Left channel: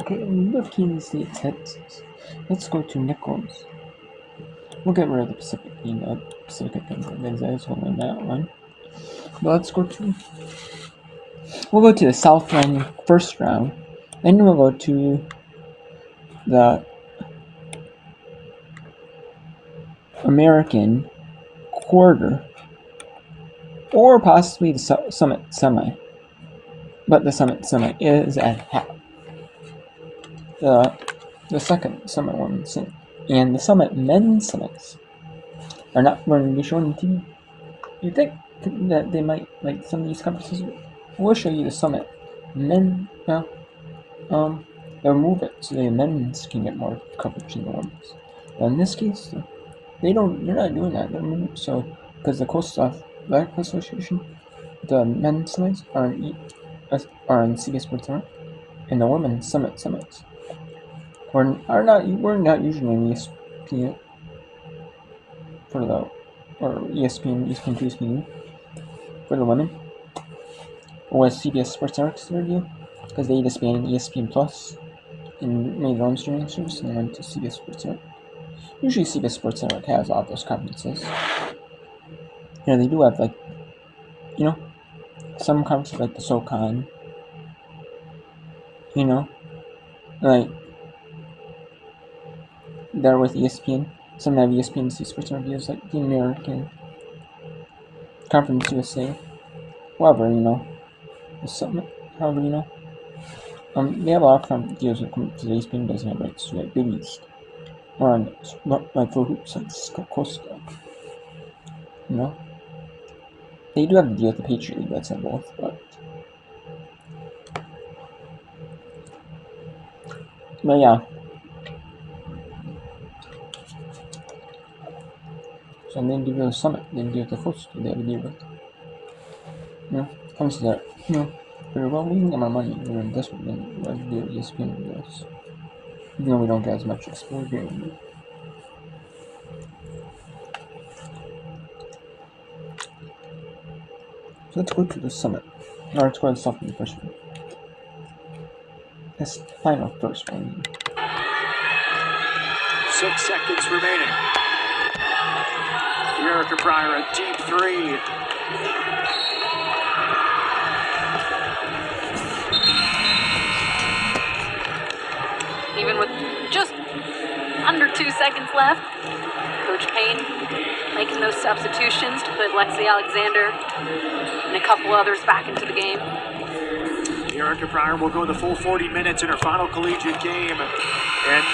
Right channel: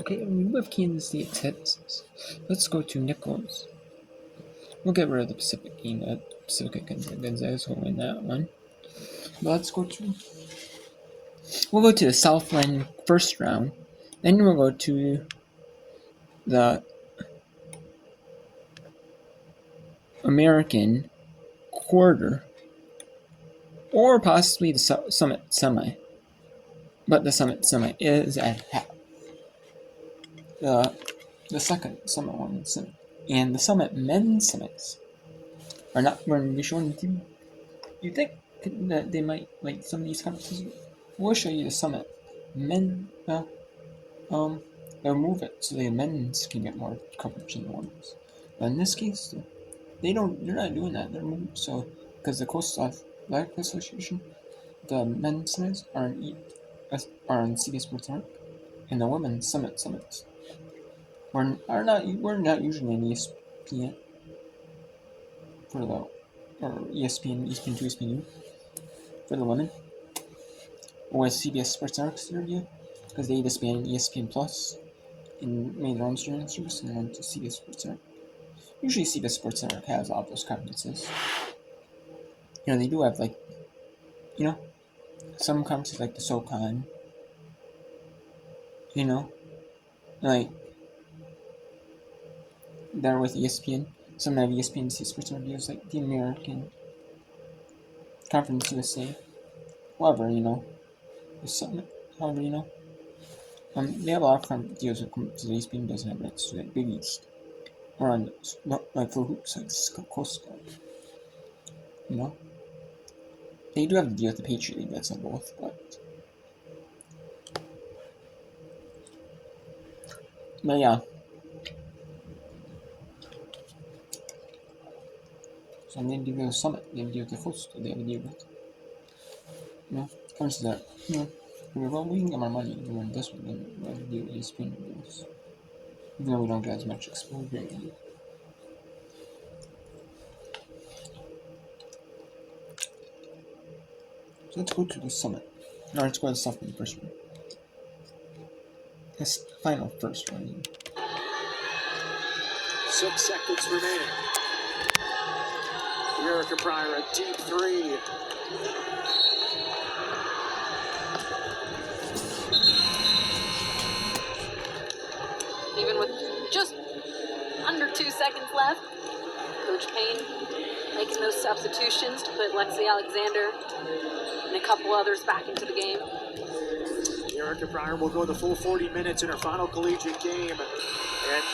Okay, we have Kansas State, Texas. Let's go to Nichols. We'll get rid of the Pacific Gonzaga's will win that one. But let's go to. We'll go to the Southland first round. Then we'll go to the American quarter, or possibly the Summit semi. But the Summit semi is at half. The second Summit women's and the Summit men's semis are not going to be shown on TV. You think that they might, like some of these conferences, will show you the Summit men? Well, they'll move it so the men's can get more coverage than the women's. But in this case, they're not doing that. They're moving so because the Coastal Athletic Association, the men's semis are on CBS Sports Network, and the women's summits we're not usually in ESPN for the or ESPN 2, ESPN for the women, or CBS Sports Network's their deal because they disbanded ESPN Plus and made their own streaming service and went to CBS Sports Network. Usually CBS Sports Network has all those conferences. They do have some conferences like the SoCon. Like they're with ESPN. Some have ESPN Sports Reviews, like the American Conference USA. However, the Summit. However, they have a lot of deals with to the ESPN doesn't have rights to like Big East or on like for hoops like Coastal. They do have the deal with the Patriot League that's on both, but yeah. So they deal with the Summit, they deal with the Coastal, they have a deal with. Comes to that, pretty well, we can get more money doing this one than what we do with ESPN with us. Even though we don't get as much exposure anymore. So let's go to the Summit. Or let's go to the Southland first one. This final first round. 6 seconds remaining. Erica Pryor, a deep three. Even with just under 2 seconds left, Coach Payne making those substitutions to put Lexi Alexander and a couple others back into the game. Erica Pryor will go the full 40 minutes in her final collegiate game. And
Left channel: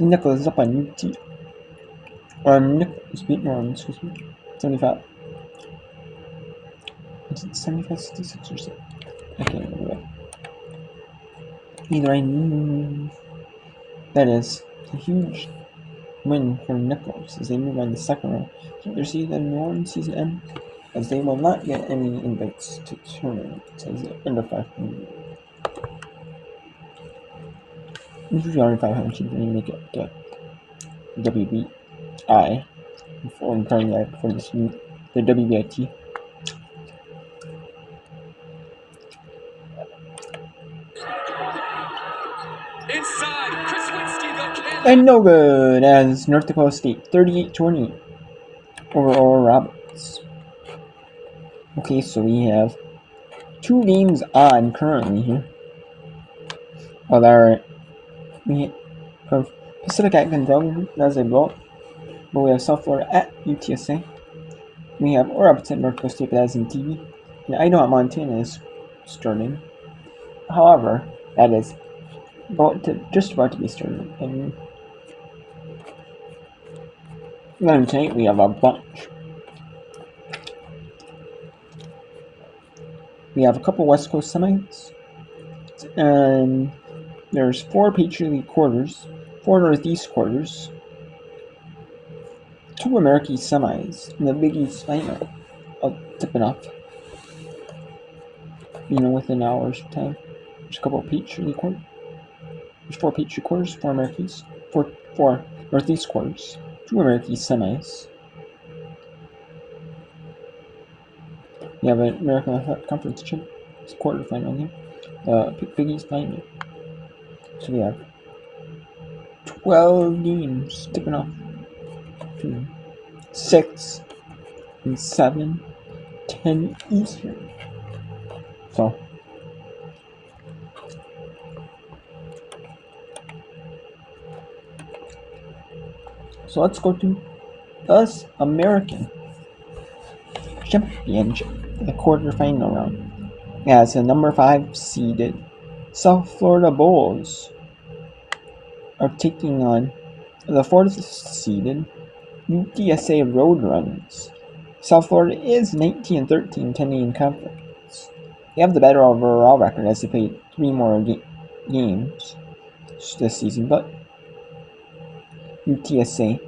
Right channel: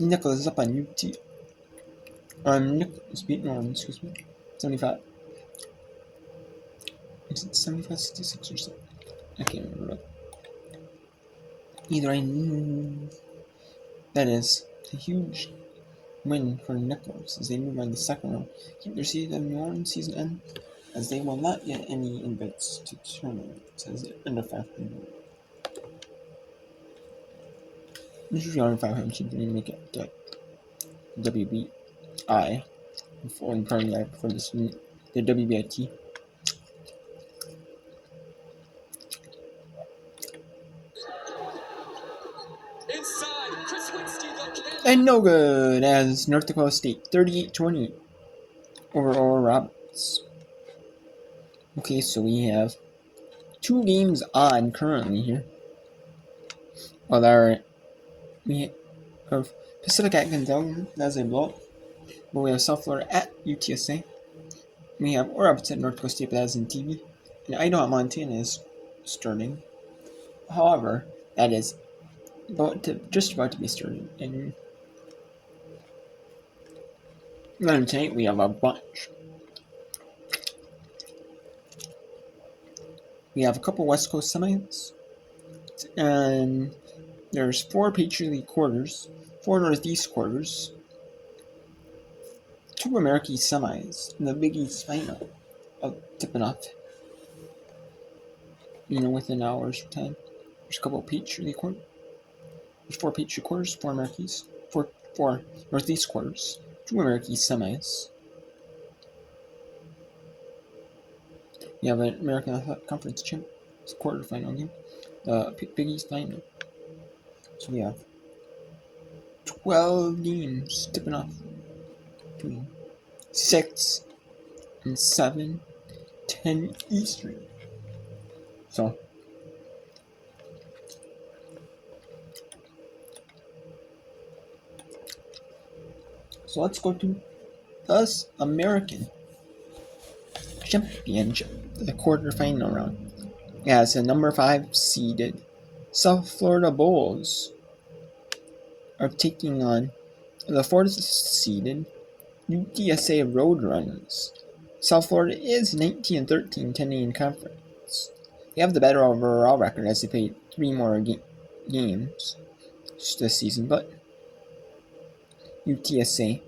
Nichols is up on UT. Nichols beat Norman, 75. Is it 75, 66 or something? I can't remember. Either that is a huge win for Nichols as they move on to the second round. Keep their season in New Orleans season end, as they will not get any invites to tournaments as they're under 500. Usually under 500 teams when you make it to WBI before this the WBIT. And no good as North Dakota State 38-20 over Oral Roberts. Okay, so we have 2 games on currently here. Alright, we have Pacific at Gonzaga as a blowout, but we have South Florida at UTSA. We have Oral Roberts at North Dakota State, but that is in TV. And Idaho at Montana is starting. However, that is just about to be started. And then tonight we have a bunch. We have a couple West Coast semis, and there's 4 Patriot League quarters, 4 Northeast quarters, 2 American semis, and the Big East final. I'll tip it off. Within hours of time. There's a couple of Patriot League quarters. There's 4 Patriot quarters, 4 Americans, 4 Northeast quarters, 2 American semis. We have an American Athletic Conference It's a quarterfinal game. The Big East final. So we have 12 games tipping off to 6 and 7, 10 Eastern. So let's go to us American Championship, the quarterfinal round, as the number 5 seeded South Florida Bulls are taking on the 4th seeded UTSA Roadrunners. South Florida is 19-13 Canadian Conference. They have the better overall record as they played 3 more games this season, but UTSA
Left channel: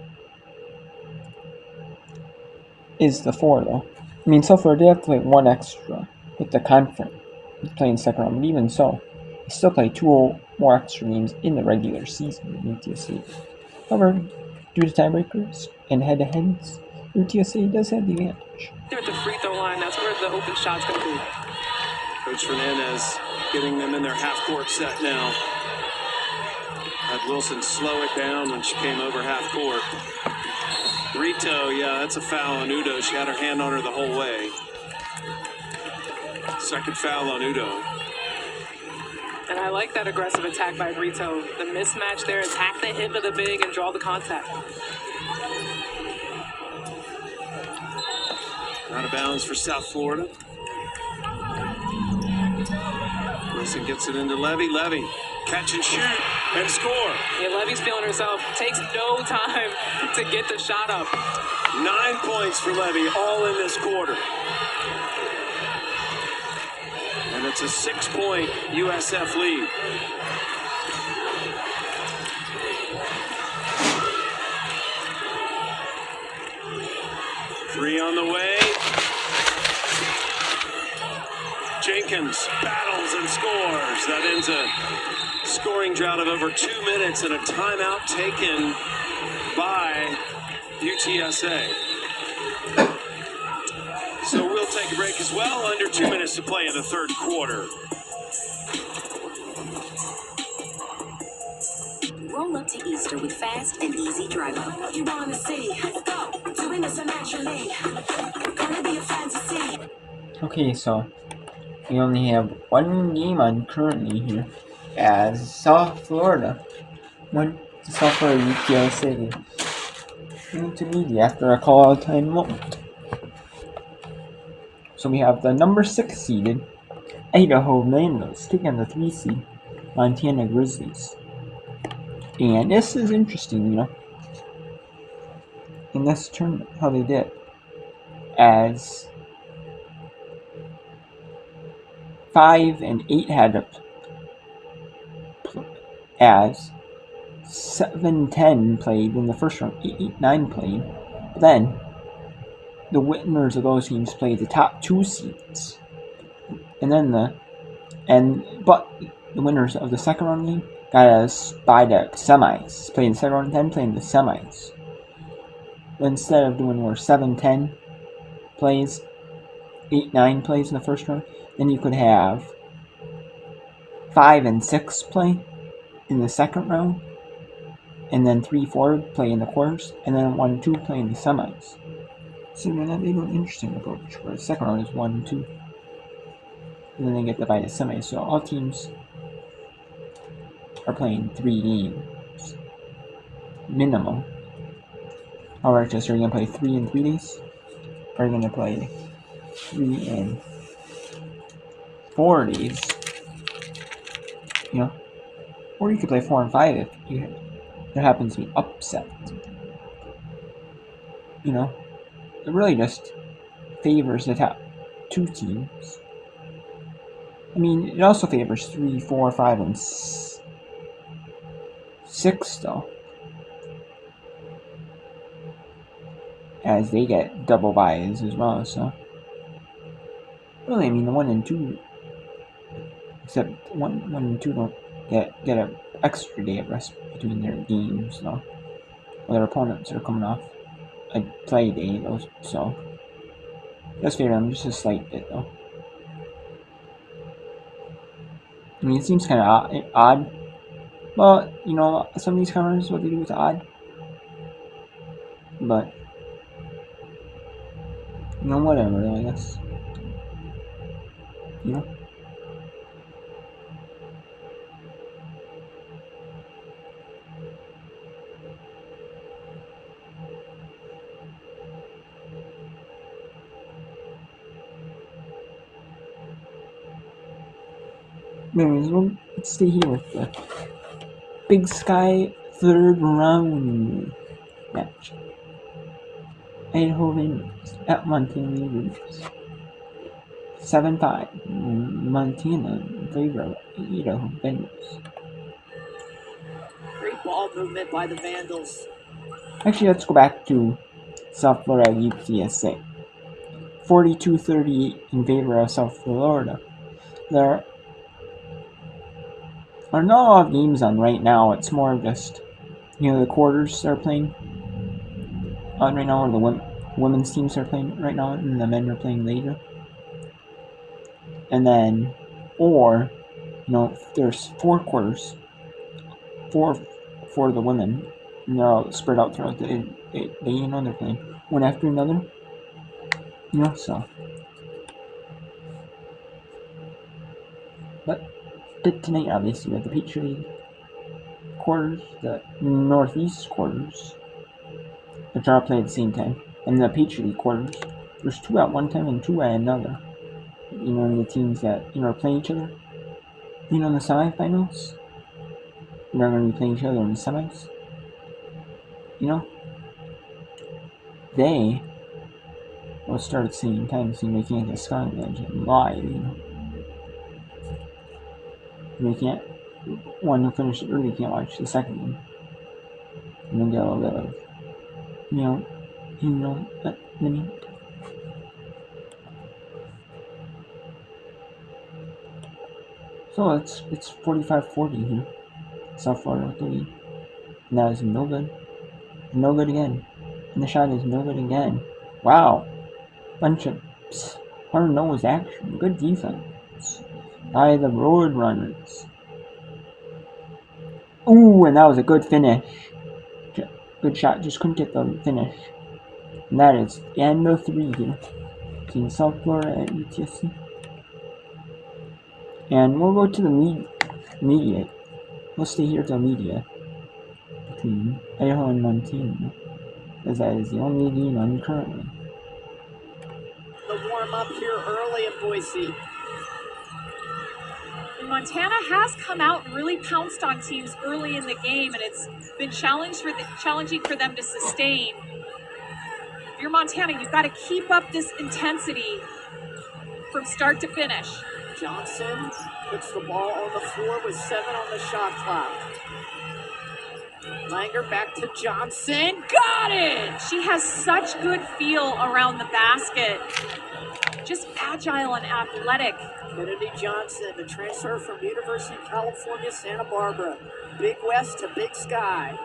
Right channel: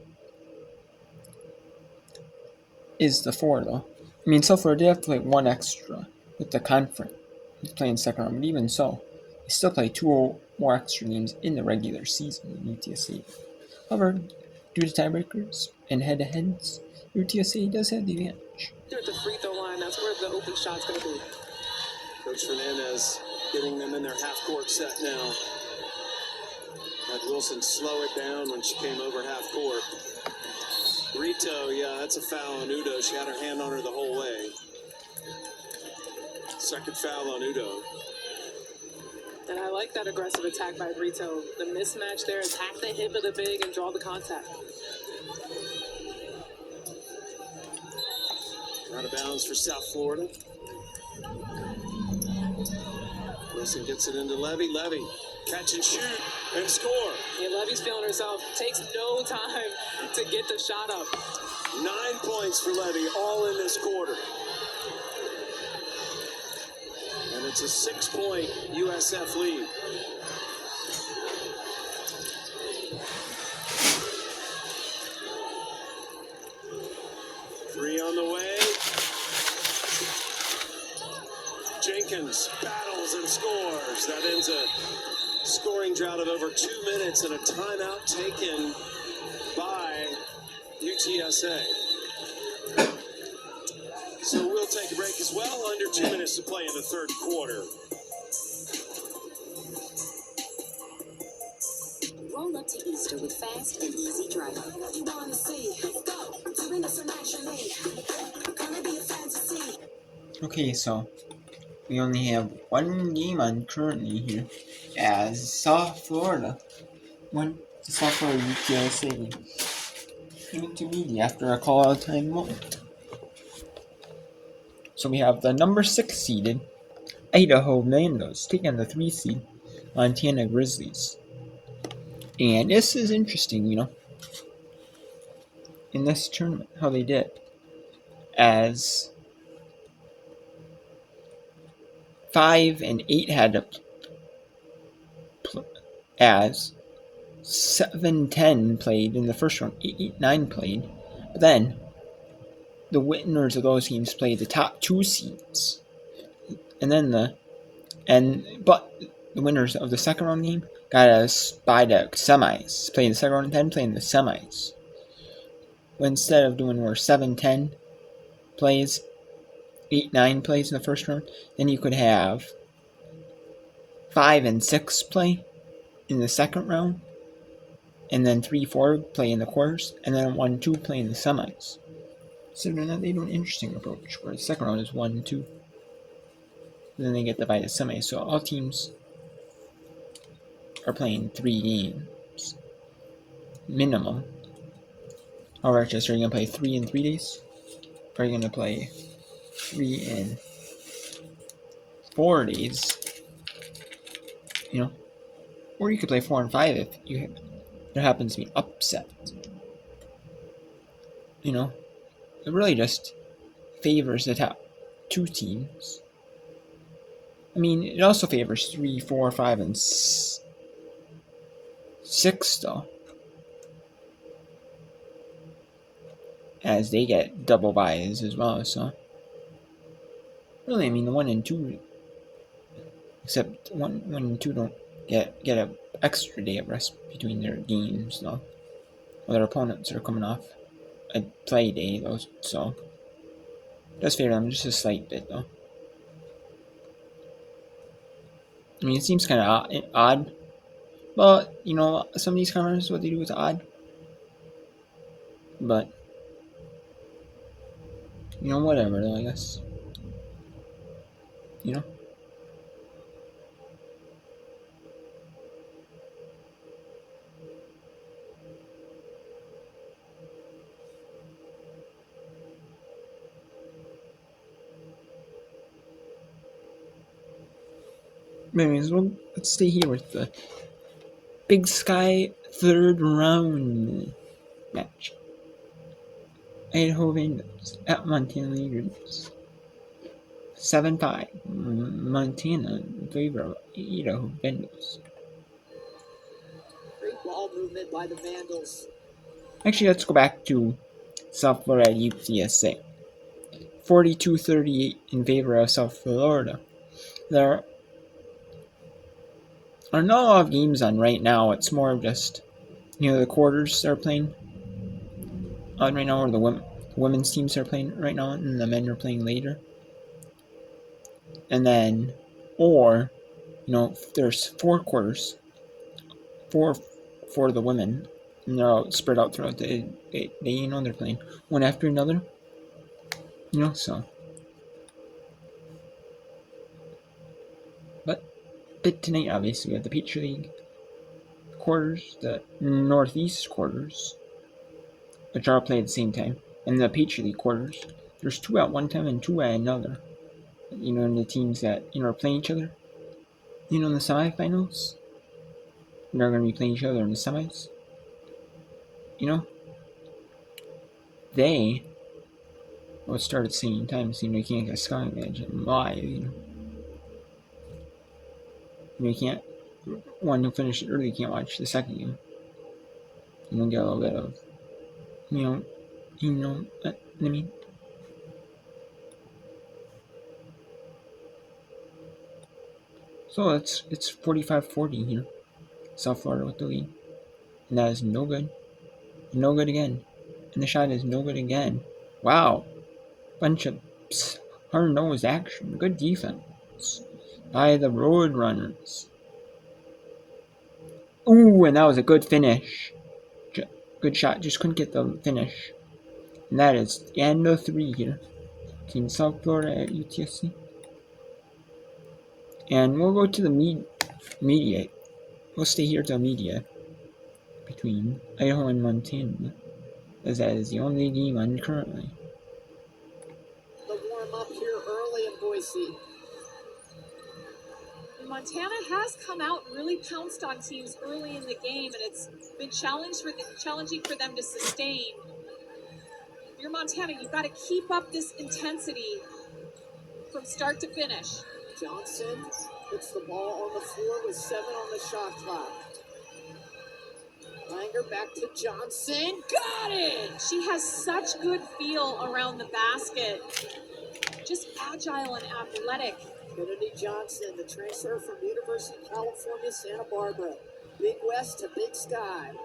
is the 4 though. I mean, South Florida, they have to play 1 extra with the conference playing second round, but even so, they still play 2 more extra games in the regular season than UTSA. However, due to tiebreakers and head-to-heads, UTSA does have the advantage. They're at the free throw line. That's where the open shot's going to be. Coach Fernandez getting them in their half-court set now. Had Wilson slow it down when she came over half-court. Rito, yeah, that's a foul on Udo. She had her hand on her the whole way. Second foul on Udo. And I like that aggressive attack by Rito. The mismatch there, attack the hip of the big and draw the contact. Out of bounds for South Florida. Wilson gets it into Levy. Levy, catch and shoot and score. Yeah, Levy's feeling herself. Takes no time to get the shot up. 9 points for Levy, all in this quarter. And it's a 6-point USF lead. Three on the way. Jenkins battles and scores. That ends a scoring drought of over 2 minutes and a timeout taken by UTSA. So we'll take a break as well. Under 2 minutes to play in the third quarter. Roll up to Easter with fast and easy drive-up. You wanna see? Let's go. Doing this naturally. Gonna be a fantasy. Okay, so we only have 1 game on currently here, as South Florida won the South Florida UTSA game intermediate after a call-out time moment. So we have the number 6 seeded Idaho Mandos taking on the 3 seed Montana Grizzlies. And this is interesting, in this tournament, how they did. As 5 and 8 had as 7-10 played in the first round, 8-9 played. But then the winners of those games played the top 2 seeds, but the winners of the second round game got us by the semis. Playing the second round, then playing the semis. Instead of doing where 7-10 plays, 8-9 plays in the first round, then you could have 5 and 6 play in the second round, and then 3-4 play in the quarters, and then 1-2 play in the semis. So they have an interesting approach where the second round is 1-2, and then they get divided semis. So all teams are playing 3 games minimum. Or just, are you going to play 3 in 3 days? Or are you going to play 3 in 4 days? Or you could play 4 and 5 if there happens to be upset. It really just favors the top 2 teams. I mean, it also favors 3, 4, 5, and 6 though, as they get double buys as well. So really, I mean, the 1 and 2, except 1 and 2 don't get an extra day of rest between their games though. Their opponents are coming off a play day though, so that's fair. I'm just a slight bit though. I mean, it seems kind of odd. But, you know, some of these counters, what they do is odd. But, you know, whatever, though, I guess. You know? Anyways, well, let's stay here with the Big Sky third round match. Idaho Vandals at Montana Leaders. 7-5. Montana in favor of Idaho Vandals. Great ball movement by the Vandals. Actually, let's go back to South Florida UTSA. 42-38 in favor of South Florida. There are not a lot of games on right now. It's more of just, you know, the quarters are playing on right now, or the women's teams are playing right now, and the men are playing later. And then, or, you know, there's 4 quarters, 4 for the women, and they're all spread out throughout the day, you know, they're playing one after another, you know, so. But tonight, obviously, we have the Peach League quarters, the Northeast quarters, which are all played at the same time, and the Peach League quarters. There's 2 at one time and 2 at another. You know, the teams that, you know, are playing each other, you know, in the semifinals, they're going to be playing each other in the semis. You know, they will start at the same time, so you can't get Sky Advantage live, you know. You can't, one who finished it early can't watch the second game. You don't get a little bit of, you know what I mean? So it's 45-40 here. South Florida with the lead. And that is no good. No good again. And the shot is no good again. Wow. Bunch of hard-nosed action. Good defense by the Roadrunners. Ooh, and that was a good finish. Good shot. Just couldn't get the finish. And that is the end of 3 here. Between South Florida at UTSC. And we'll go to the media. We'll stay here till media. Between Idaho and Montana. As that is the only game on currently. The warm-up here early in Boise. And Montana has come out and really pounced on teams early in the game, and it's been challenging for them to sustain. If you're Montana, you've got to keep up this intensity from start to finish. Johnson puts the ball on the floor with 7 on the shot clock. Langer back to Johnson. Got it! She has such good feel around the basket. Just agile and athletic. Kennedy Johnson, the transfer from University of California, Santa Barbara. Big West to Big Sky.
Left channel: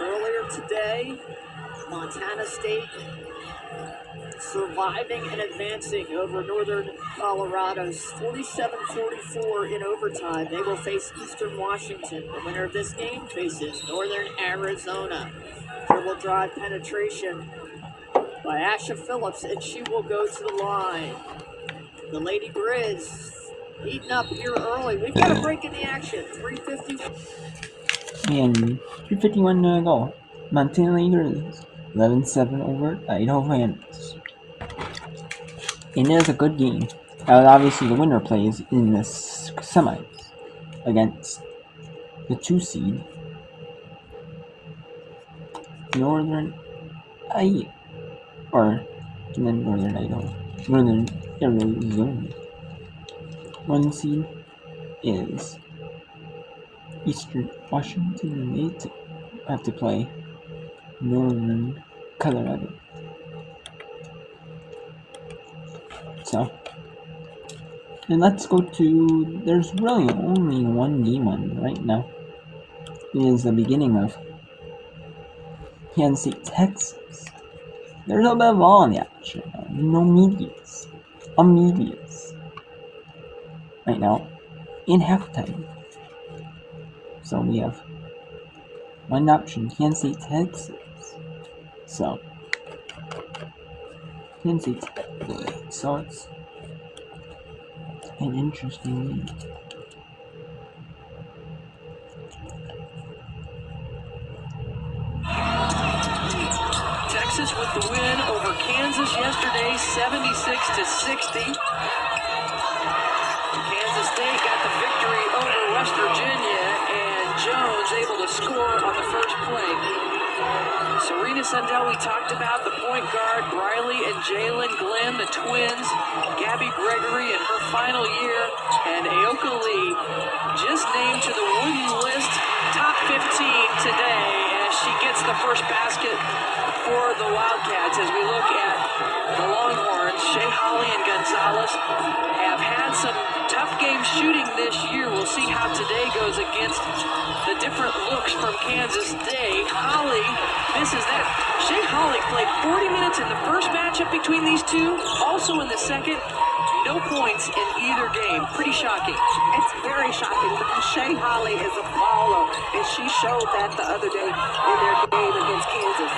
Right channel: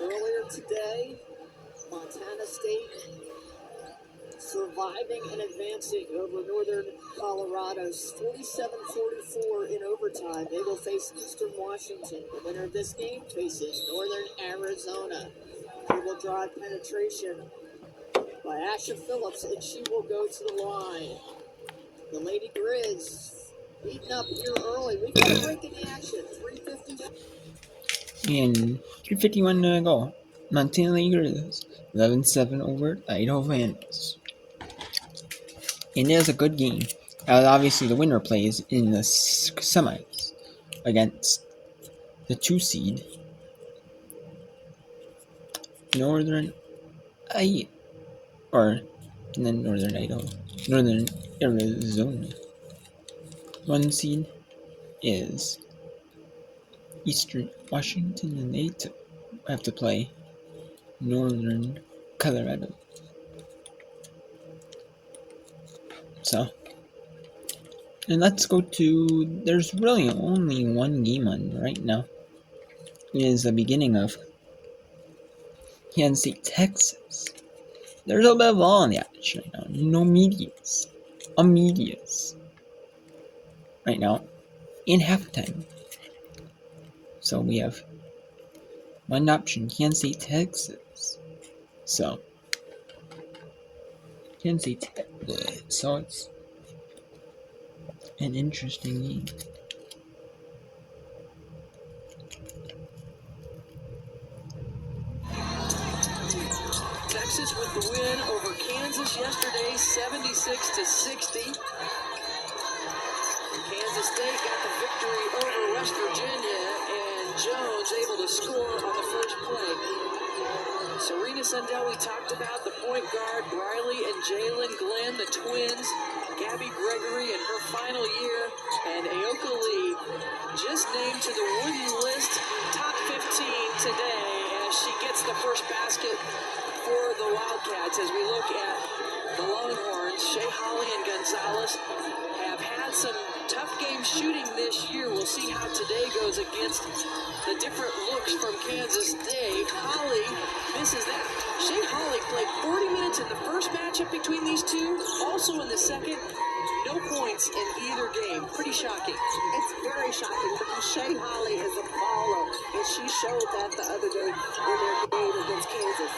Earlier today, Montana State surviving and advancing over Northern Colorado, 47-44 in overtime. They will face Eastern Washington. The winner of this game faces Northern Arizona. Dribble drive penetration by Asha Phillips, and she will go to the line. The Lady Grizz heating up here early. We've got a break in the action. 3:50. And 3:51 to go. Montana Leaders 11-7 over Idaho Vandals. And it is a good game. Obviously, the winner plays in the semis against the 2 seed Northern Idaho, or Northern Idaho, Northern Arizona. 1 seed is Eastern Washington, and they have to play Northern Colorado. So, and let's go to, there's really only 1 game on right now. It is the beginning of Kansas State, Texas. There's a bit of law on the action right now. No medias. Medias. Right now. In halftime. So we have one option, Kansas State, Texas. So Kansas State. So it's an interesting game. Texas with the win over Kansas yesterday, 76-60. Kansas State got the victory over West Virginia, and Jones able to score on the first play. Serena Sundell, we talked about the point guard, Briley and Jalen Glenn, the twins, Gabby Gregory in her final year, and Aoka Lee just named to the Wooden List top 15 today as she gets the first basket for the Wildcats. As we look at the Longhorns, Shea Holly and Gonzalez have had some tough game shooting this year. We'll see how today goes against the different looks from Kansas State. Holly misses that. Shea Holly played 40 minutes in the first matchup between these two, also in the second. No points in either game. Pretty shocking. It's very shocking because Shea Holly is a baller, and she showed that the other day in their game against Kansas.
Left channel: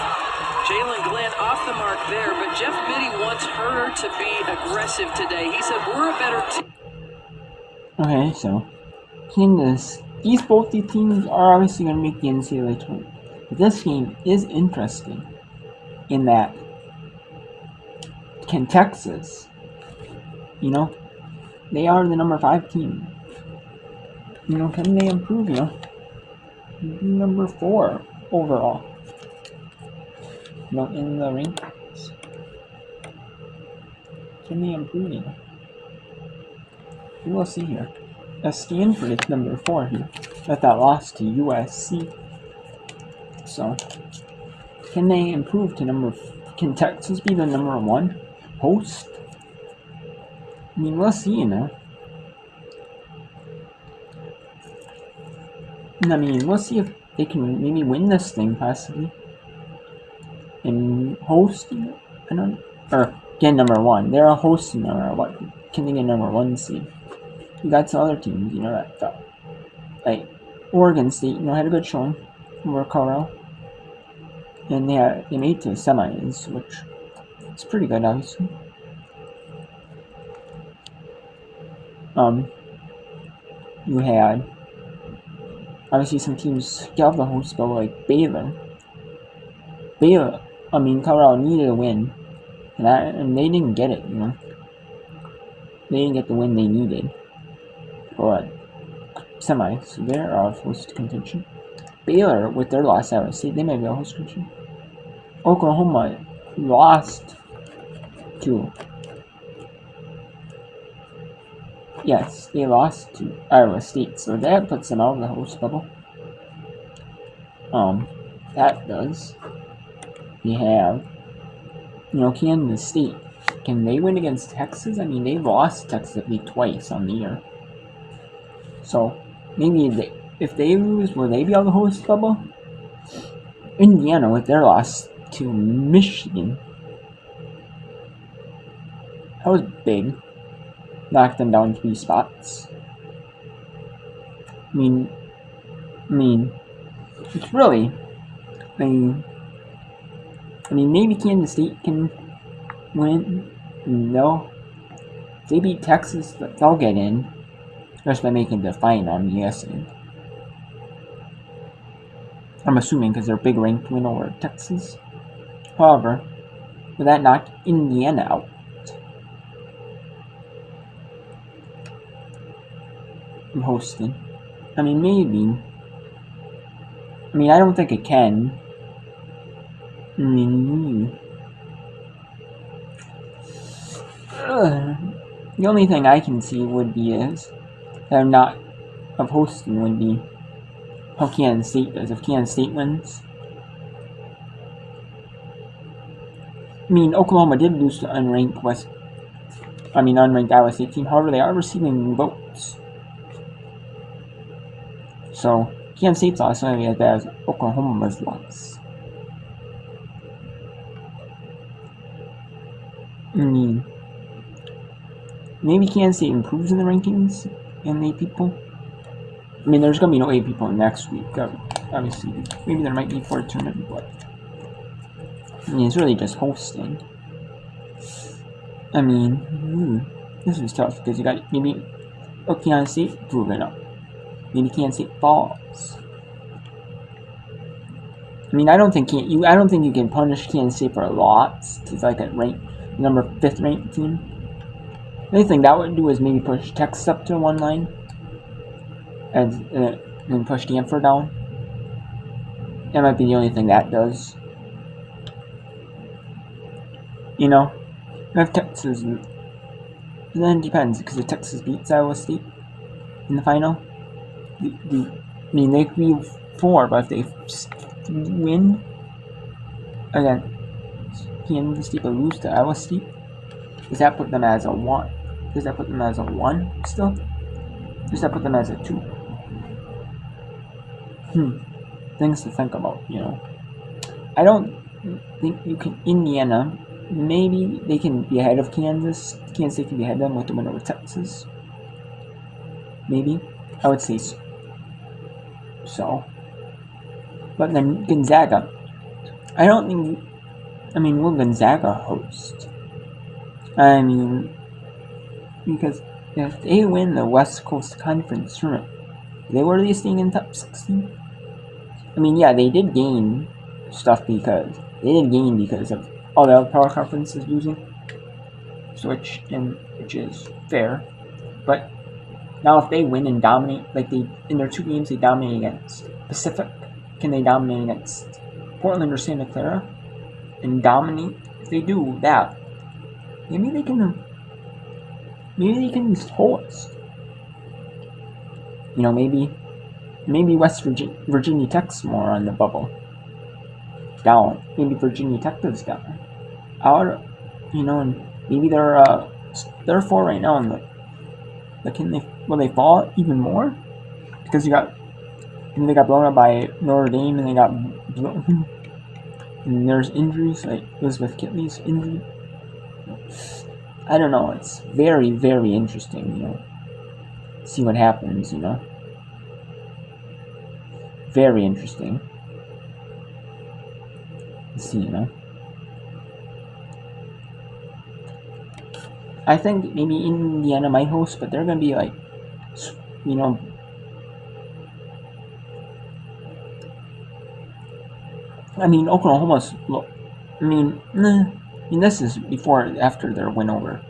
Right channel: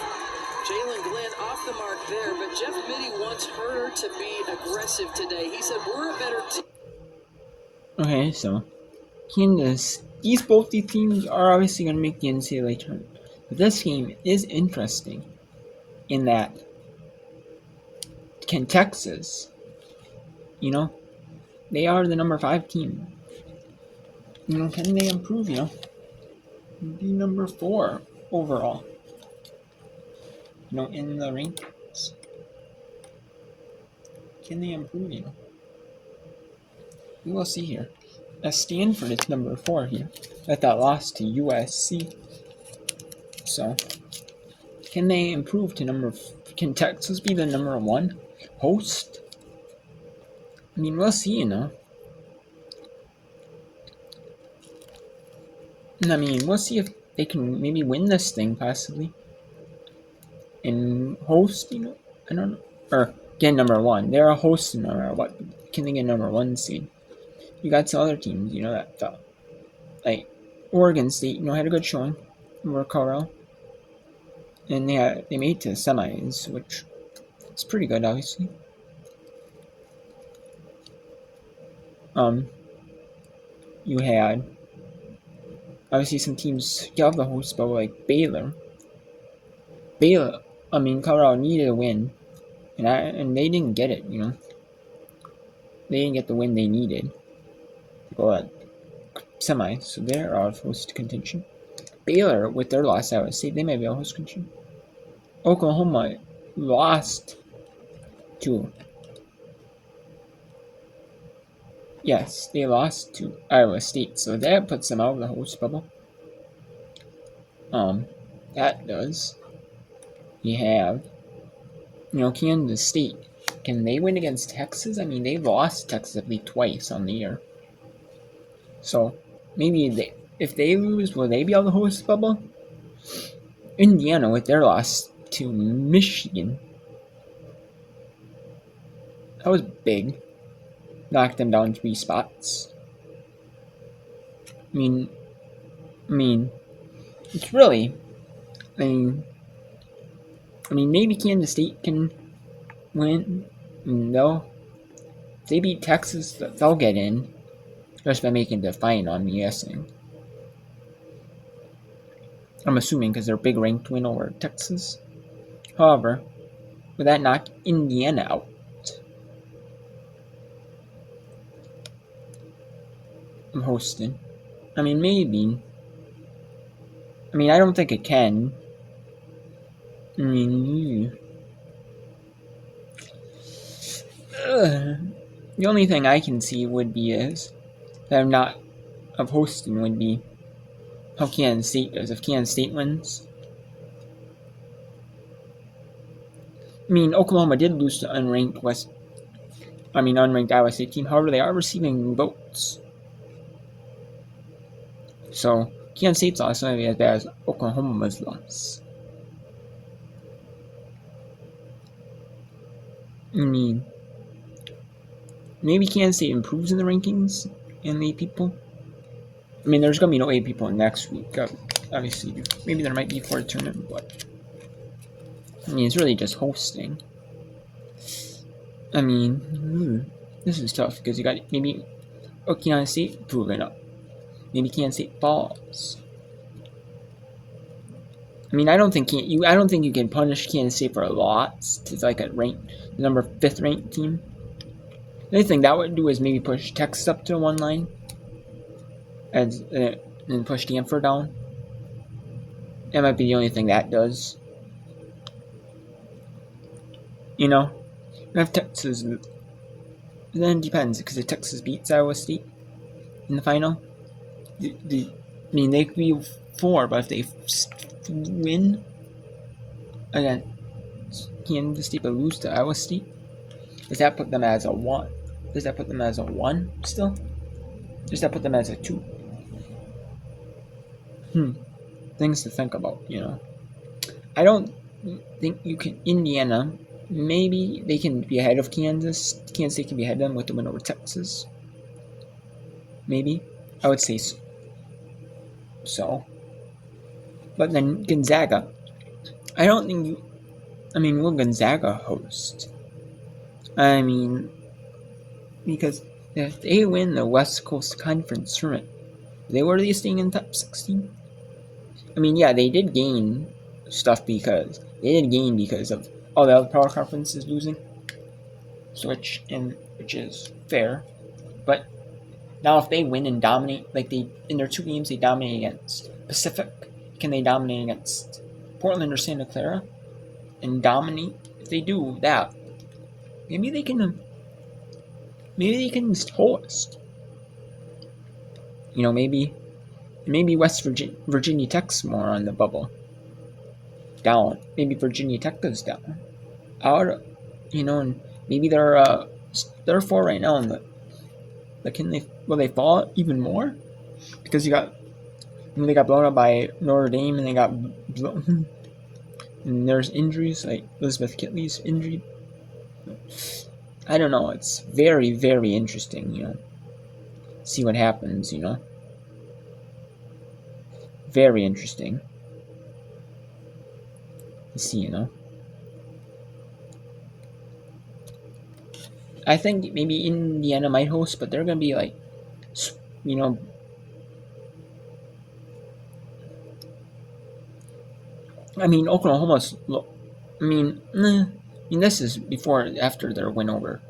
Jalen Glenn off the mark there, but Jeff Mitty wants her to be aggressive today. He said, we're a better team. Okay, so Kansas. Both these teams are obviously going to make the NCAA tournament. But this game is interesting in that can Texas, they are the number 5 team. Can they improve, be number 4 overall, in the rankings? Can they improve, We will see here. Stanford is number 4 here. That lost to USC. So, can they improve to can Texas be the number 1 host? We'll see, we'll see if they can maybe win this thing, possibly. And host, I don't know. Or get number 1. They're a host no matter what. Can they get number 1 seed? You got some other teams, that fell. Like Oregon State, had a good showing over Colorado. And they made it to the semis, which is pretty good, obviously. You had obviously some teams get off the host bowl like Baylor. Colorado needed a win, and they didn't get it. They didn't get the win they needed. But semis, so they're out of host contention. Baylor, with their loss, I would say they may be a host contention. Oklahoma lost to. Yes, they lost to Iowa State, so that puts them out of the host bubble. That does. You have, Kansas State. Can they win against Texas? They lost Texas at least twice on the year. So, maybe if they lose, will they be on the host bubble? Indiana, with their loss to Michigan. That was big. Knocked them down 3 spots. It's really, maybe Kansas State can win. If they beat Texas, they'll get in. Just by making the final, I'm guessing. I'm assuming because they're a big ranked win over Texas. However, would that knock Indiana out? I'm hosting. Maybe. I don't think it can. The only thing I can see would be is that I'm not of hosting would be how Kansas State does. If Kansas State wins, Oklahoma did lose to unranked Iowa State team. However, they are receiving votes. So Kansas State's loss is not as bad as Oklahoma's loss. I mean, maybe Kansas State improves in the rankings and the people. I mean, there's gonna be no A people next week. Obviously, maybe there might be for a tournament, but I mean, it's really just hosting. I mean, this is tough because you got maybe Kansas State proving up. Maybe Kansas State falls. I mean, I don't think you can punish Kansas State for a loss to like a number 5th ranked team. The only thing that would do is maybe push Texas up to the 1 line and push Stanford down. That might be the only thing that does. You know, if Texas, and then it depends because if Texas beats Iowa State in the final, I mean they could be 4, but if they win again, Kansas State but lose to Iowa State, does that put them as a 1? Does that put them as a 1 still? Does that put them as a 2? Things to think about, you know. I don't think you can. Indiana, maybe they can be ahead of Kansas. Kansas State can be ahead of them with the win over Texas. Maybe. I would say so. But then Gonzaga. I don't think. I mean, will Gonzaga host? I mean, because if they win the West Coast Conference tournament, they were they staying in top 16? I mean, yeah, they did gain stuff because of all the other power conferences losing, which is fair. But now if they win and dominate, like they in their 2 games they dominate against Pacific, can they dominate against Portland or Santa Clara and dominate? If they do that, maybe they can host. You know, maybe West Virginia Tech's more on the bubble. Down. Maybe Virginia Tech goes down. You know, and maybe they're 4 right now, and will they fall even more? Because they got blown up by Notre Dame, and they got blown. And there's injuries like Elizabeth Kitley's injury. I don't know. It's very, very interesting. You know, see what happens. You know, very interesting. See, you know. I think maybe Indiana might host, but they're gonna be like, you know. I mean, Oklahoma's. I mean, this is after their win over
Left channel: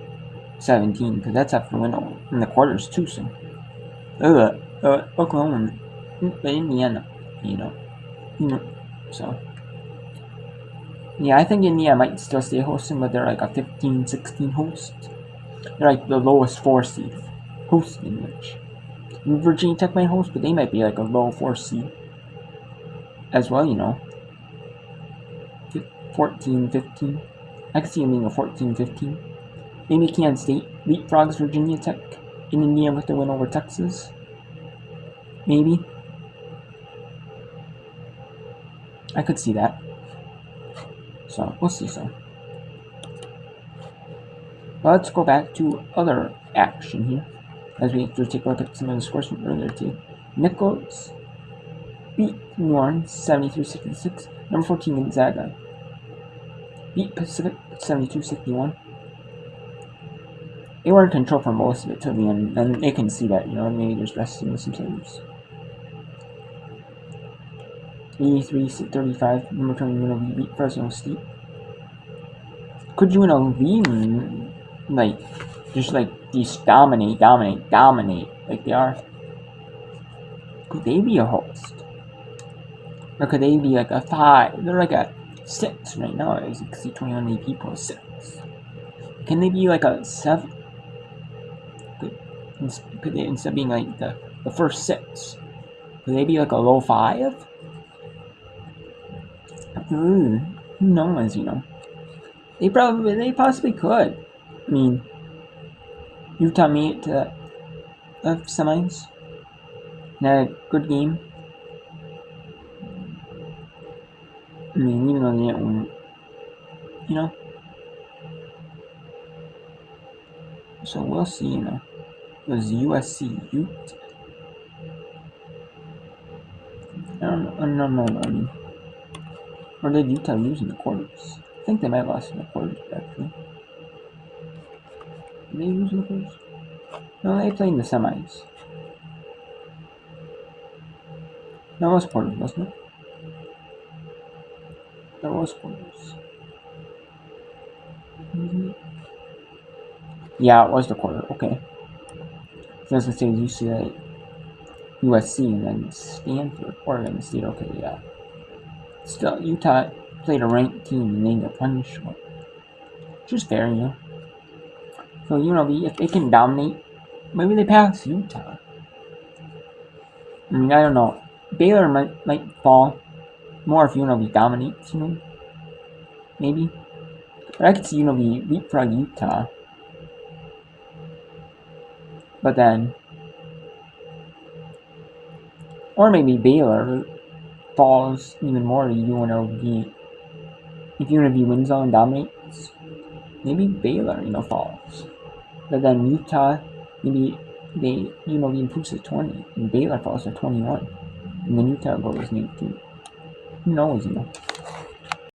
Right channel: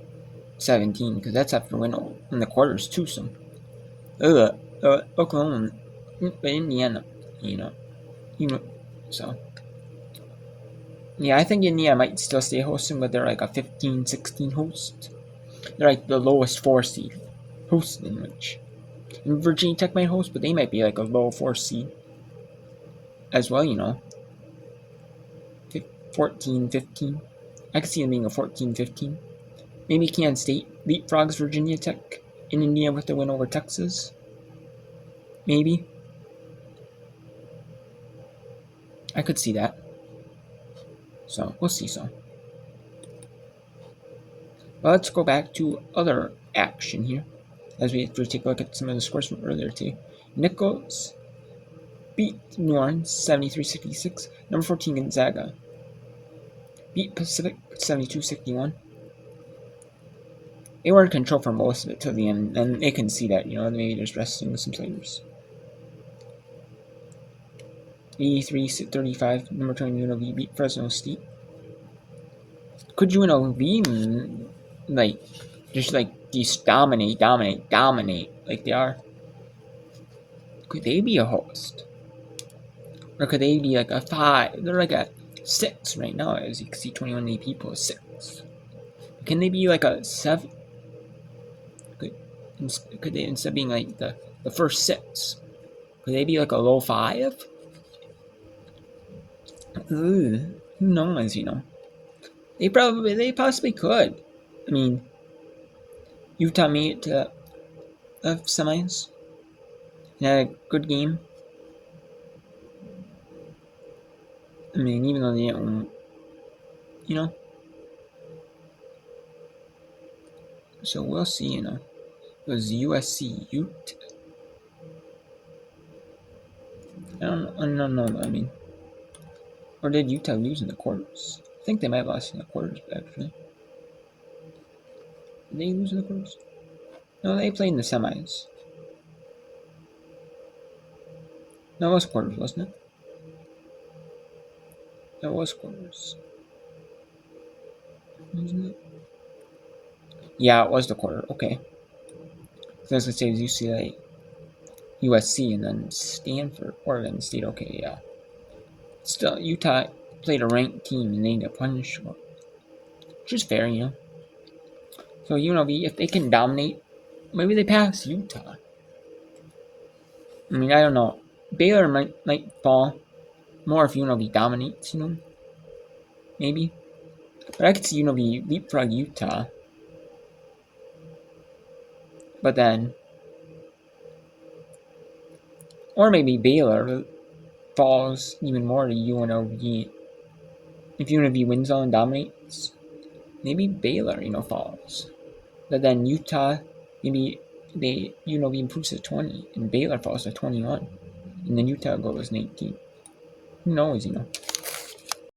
17, because that's after win over in the quarters too. So, Oklahoma, but Indiana, you know, so. Yeah, I think Indiana might still stay hosting, but they're like a 15-16 host. They're like the lowest 4 seed hosting, which Virginia Tech might host, but they might be like a low 4 seed as well, you know. 14-15. I could see them being a 14-15. Maybe Kansas State leapfrogs Virginia Tech in Indiana with the win over Texas. Maybe. I could see that. So, we'll see so. Well, let's go back to other action here, as we have to take a look at some of the scores from earlier too. Nichols beat New Orleans 73-66. Number 14 Gonzaga beat Pacific 72-61. They were in control for most of it till the end, and they can see that, you know, maybe just resting with some players. 83-35, number 20 UNLV beat Fresno State. Could UNLV just dominate like they are? Could they be a host? Or could they be like a 5? They're like a 6 right now, as you can see, 21 people, 6. Can they be like a 7? Could they, instead of being like the first 6, could they be like a low 5? Who knows, you know? They possibly could. I mean, Utah made it to the semis. They had a good game. I mean, even though they didn't win, you know? So we'll see, you know. It was USC Ute. I don't know. I mean, or did Utah lose in the quarters? I think they might have lost in the quarters, actually. Did they lose in the quarters? No, they played in the semis. No, it was quarters, wasn't it? That was quarters. Wasn't it? Yeah, it was the quarter. Okay. So I was gonna say it was UCLA, USC, and then Stanford, Oregon State. Okay, yeah. Still, Utah played a ranked team and they got punished for it. Which is fair, you know. So UNLV, if they can dominate, maybe they pass Utah. I mean, I don't know. Baylor might fall more if UNLV dominates, you know. Maybe. But I could see UNLV leapfrog Utah. But then, or maybe Baylor falls even more to UNLV. If UNLV wins all and dominates, maybe Baylor, you know, falls. But then Utah, maybe UNLV improves to 20, and Baylor falls to 21, and then Utah goes 18. Who knows, you know?